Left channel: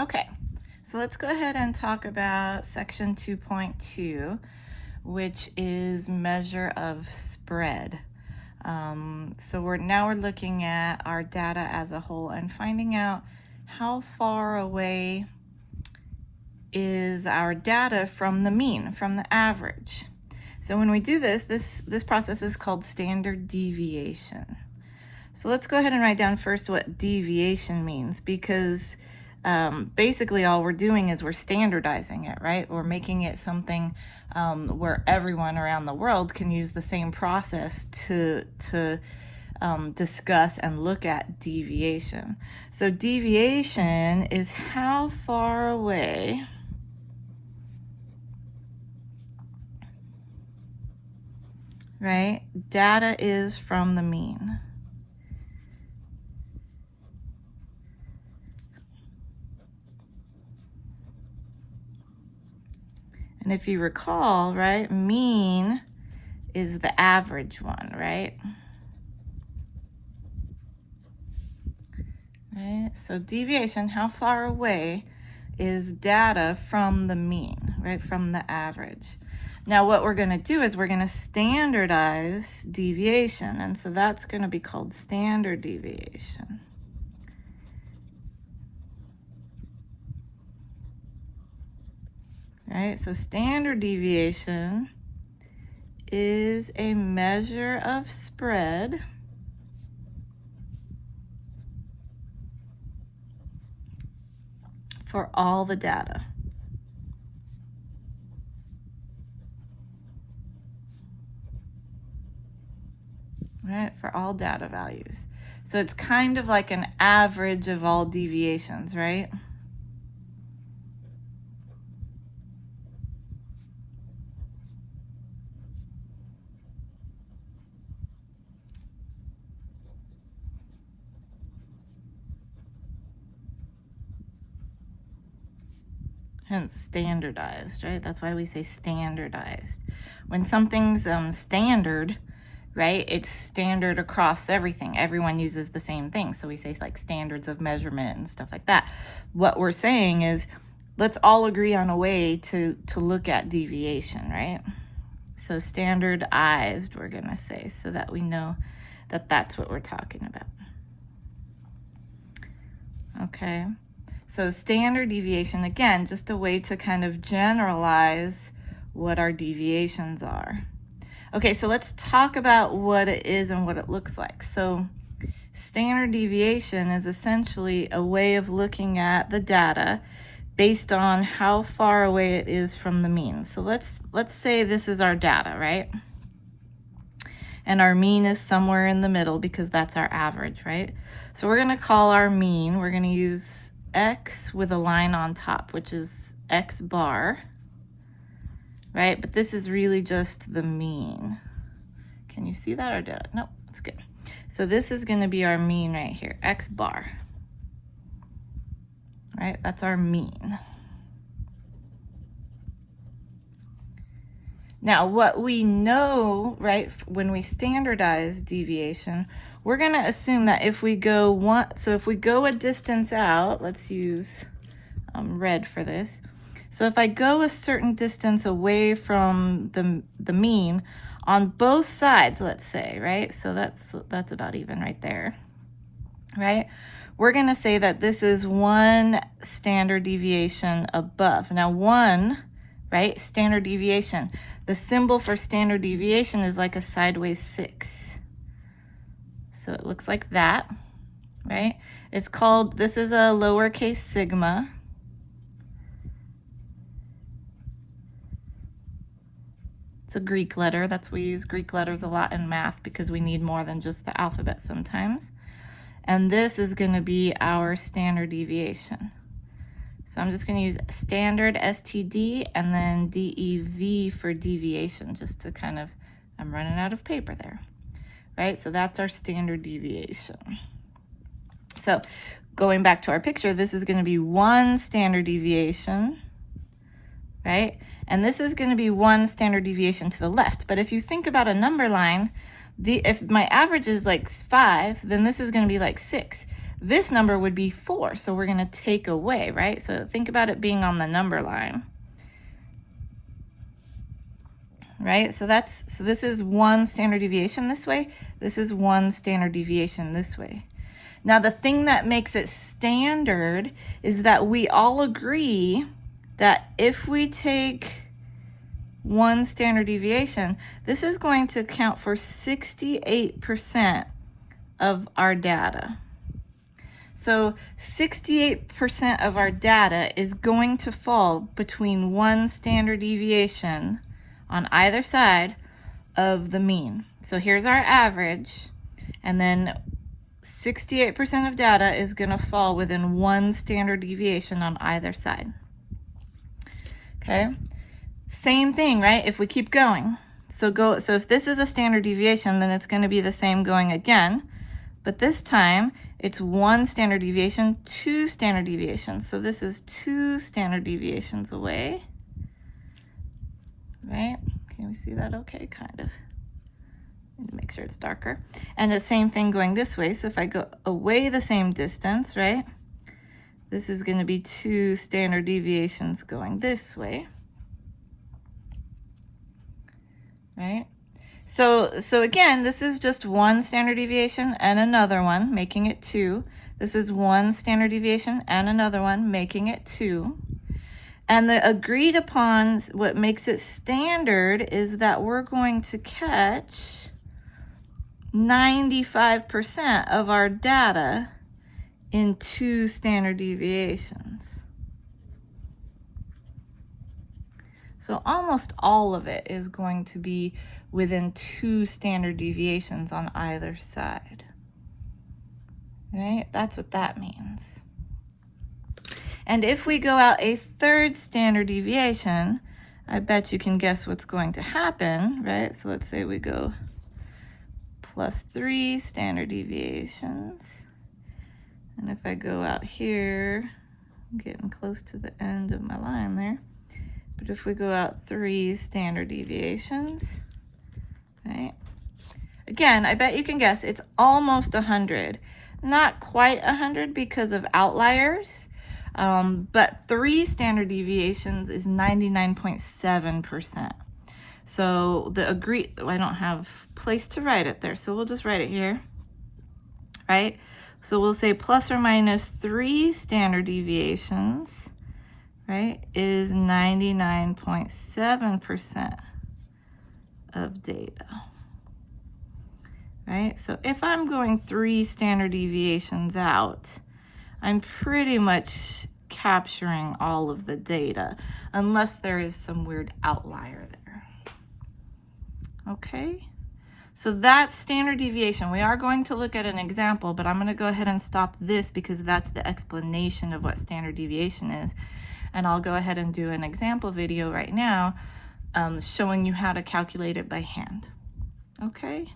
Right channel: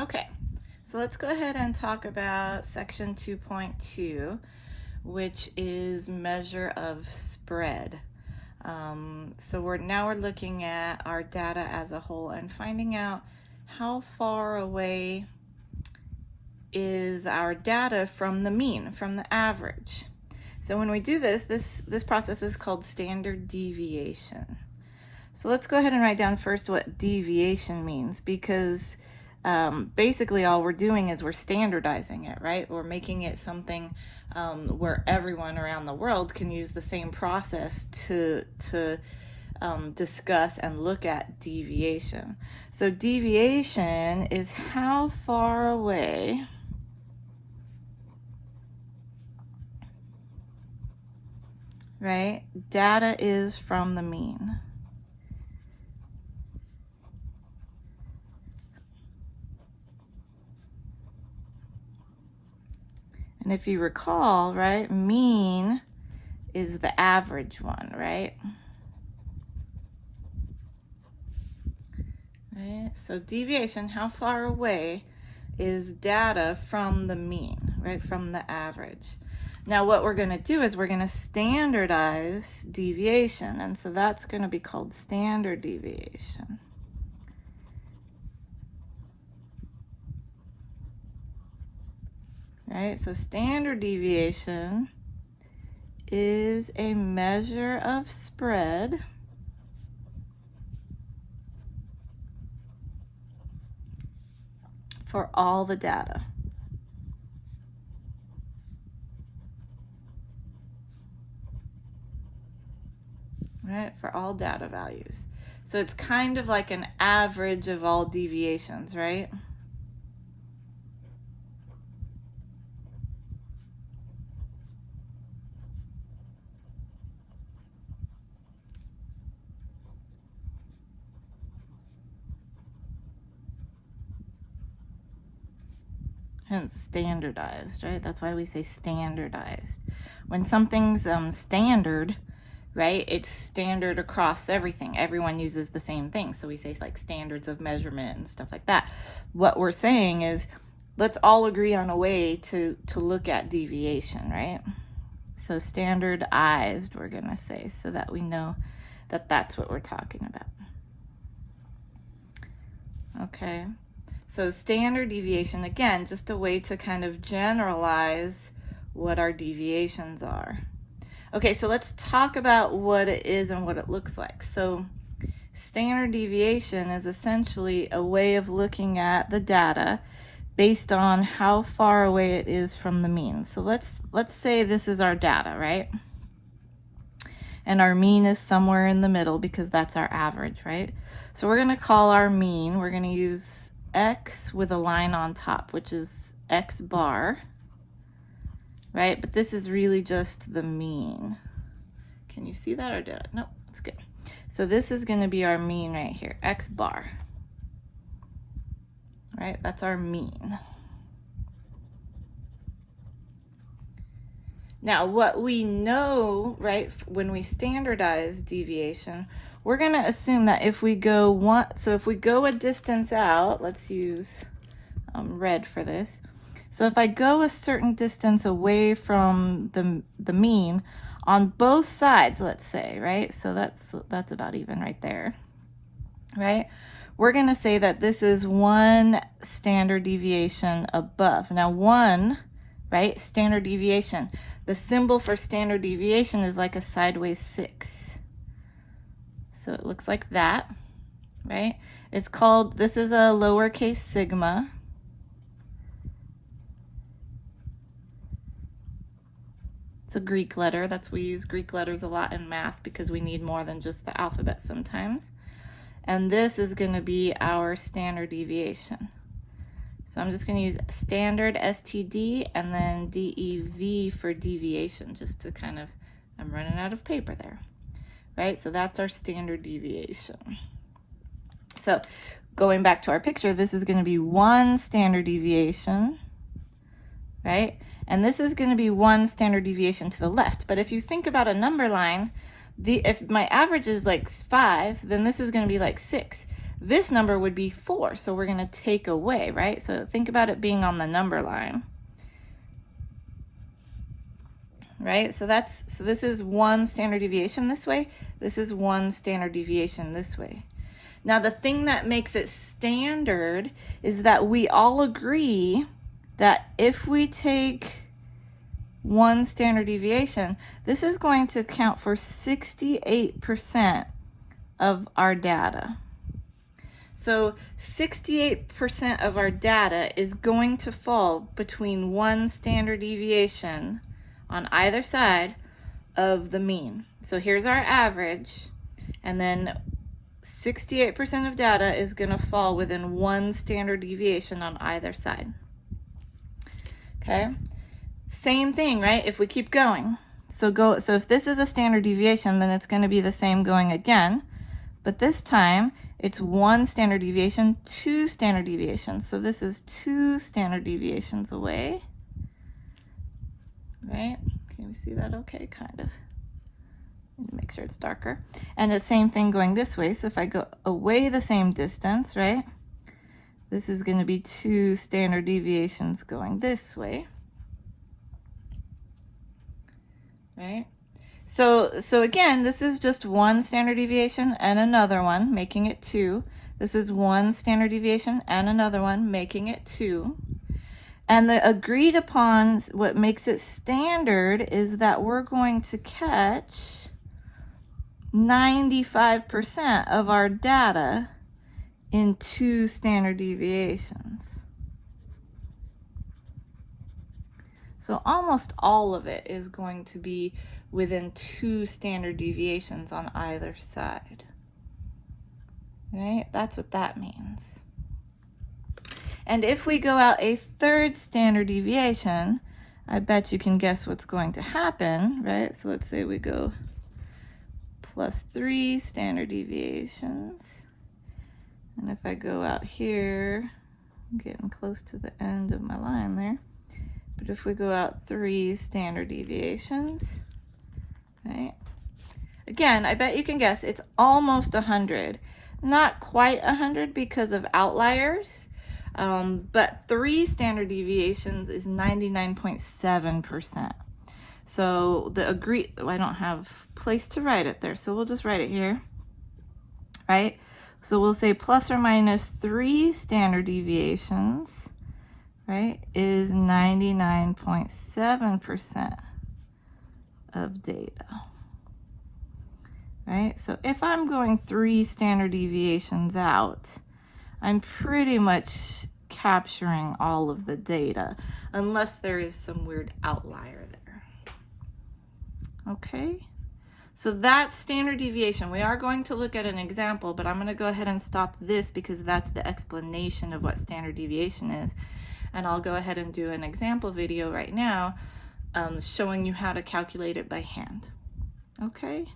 Okay, so let's go ahead and talk about section 2.2, which is measure of spread. So we're looking at our data as a whole and finding out how far away is our data from the mean, from the average. So when we do this process is called standard deviation. So let's go ahead and write down first what deviation means, because basically all we're doing is we're standardizing it, right? We're making it something where everyone around the world can use the same process to discuss and look at deviation. So deviation is how far away data is from the mean. And if you recall, mean is the average one, right? So deviation, how far away is data from the mean, from the average. Now what we're going to do is we're going to standardize deviation, and so that's going to be called standard deviation. So standard deviation is a measure of spread for all the data. For all data values. So it's kind of like an average of all deviations, right? Hence standardized, right? That's why we say standardized. When something's standard, it's standard across everything. Everyone uses the same thing. So we say like standards of measurement and stuff like that. What we're saying is let's all agree on a way to look at deviation, right? So standardized, we're going to say, so that we know that that's what we're talking about. Okay. So standard deviation, again, just a way to kind of generalize what our deviations are. Okay, so let's talk about what it is and what it looks like. So standard deviation is essentially a way of looking at the data based on how far away it is from the mean. So let's say this is our data, right? And our mean is somewhere in the middle because that's our average, right? So we're going to call our mean, we're going to use x with a line on top, which is x bar. But this is really just the mean. Can you see that or did I? No, it's good. So this is going to be our mean right here, x bar. That's our mean. Now what we know, when we standardize deviation, we're going to assume that if we go if we go a distance out, let's use red for this. So if I go a certain distance away from the mean on both sides, let's say, so that's about even right there, we're going to say that this is one standard deviation above. Now one, standard deviation, the symbol for standard deviation is like a sideways 6. So it looks like that, It's called, this is a lowercase sigma. It's a Greek letter. That's why we use Greek letters a lot in math, because we need more than just the alphabet sometimes. And this is going to be our standard deviation. So I'm just going to use standard STD and then DEV for deviation, just to kind of, I'm running out of paper there. So that's our standard deviation. So going back to our picture, this is going to be one standard deviation, and this is going to be one standard deviation to the left. But if you think about a number line, if my average is like 5, then this is going to be like 6. this number would be 4, so we're going to take away, right? So think about it being on the number line. Right? So this is 1 standard deviation this way. This is 1 standard deviation this way. Now the thing that makes it standard is that we all agree that if we take 1 standard deviation, this is going to account for 68% of our data. So 68% of our data is going to fall between 1 standard deviation on either side of the mean. So here's our average, and then 68% of data is going to fall within 1 standard deviation on either side. Okay? Same thing, right? If we keep going. So if this is a standard deviation, then it's going to be the same going again. But this time, it's 1 standard deviation, 2 standard deviations. So this is 2 standard deviations away. Right? Can we see that okay? Kind of. Need to make sure it's darker. And the same thing going this way. So if I go away the same distance, right? This is going to be 2 standard deviations going this way. Right? So again, this is just 1 standard deviation and another one, making it 2. This is 1 standard deviation and another one, making it 2. And the agreed upon, what makes it standard is that we're going to catch 95% of our data in 2 standard deviations. So almost all of it is going to be within 2 standard deviations on either side. Right? That's what that means. And if we go out a 3rd standard deviation, I bet you can guess what's going to happen, right? So let's say we go plus 3 standard deviations. And if I go out here, I'm getting close to the end of my line there. But if we go out 3 standard deviations, right? Again, I bet you can guess it's almost 100. Not quite 100 because of outliers, but 3 standard deviations is 99.7%. So the agreed, I don't have place to write it there, so we'll just write it here, right? So we'll say plus or minus 3 standard deviations, right, is 99.7% of data. Right? So if I'm going 3 standard deviations out, I'm pretty much capturing all of the data, unless there is some weird outlier there. Okay? So that's standard deviation. We are going to look at an example, but I'm going to go ahead and stop this because that's the explanation of what standard deviation is. And I'll go ahead and do an example video right now showing you how to calculate it by hand. Okay?